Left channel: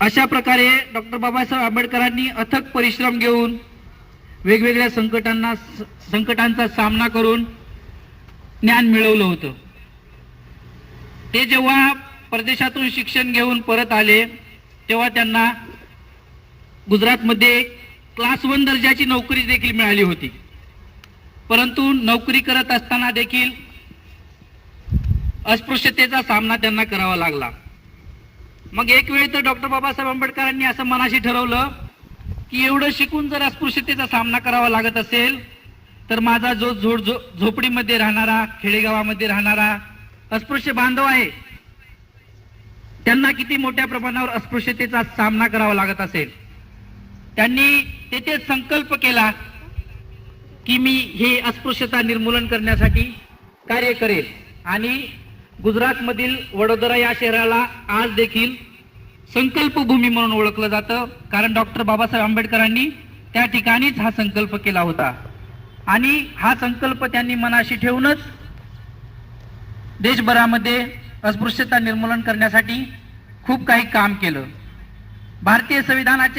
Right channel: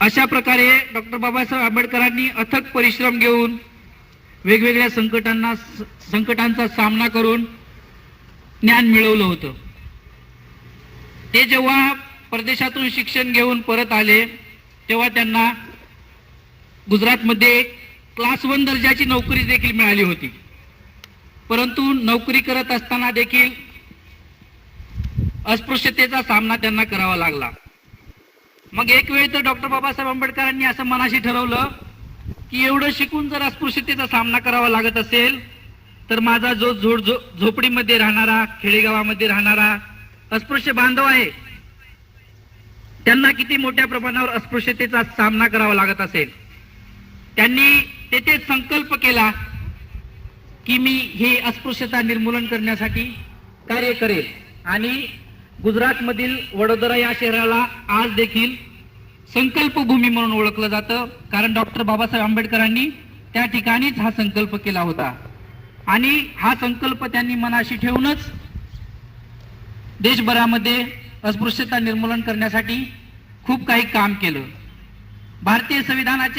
अशा प्रकारे डॉक्टर बाबासाहेब आंबेडकरांनी अथक परिश्रम घेऊन वेगवेगळ्या संकटांचा सामना करून ज्ञान मिळवलं होतं। ते जेव्हा परदेशातून शिक्षण घेऊन परत आले तेव्हा त्यांना गुजरातमध्ये क्लास 1 दर्जाची नोकरी देखील मिळाली होती, परंतु नोकरी करत असताना देखील अस्पृश्यतेचा सामना त्यांना करावा लागला। मग एक वेळ तर डॉक्टर बाबासाहेब आंबेडकरांनी असं मनाशी ठरवलं की एवढं शिकून जर अस्पृश्यतेचा सामना करावा लागत असेल तर माझा जो झोपडीमध्ये राहणारा, खेडेगावामध्ये राहणारा अस्पृश्य बांधव आहे त्यांना किती मोठ्या प्रमाणावर अस्पृश्यतेचा सामना करावा लागत असेल। त्यांनी तेथे संकल्प केला की मी हे अस्पृश्यता निर्मूलन करण्यासाठी कार्य करेल आणि गुजरातमधील वडोदरा या शहराला आज देखील संकल्पभूमी म्हणून ओळखलं जातं, कारण डॉक्टर बाबासाहेब आंबेडकरांनी त्या ठिकाणीच हा संकल्प केला होता आणि हा संकल्प त्यांनी मनाशी ठेवूनच देशभरामध्ये अस्पृश्यता निर्मूलन करण्यासाठी खूप काही काम केलं। भारतीय संविधानाचे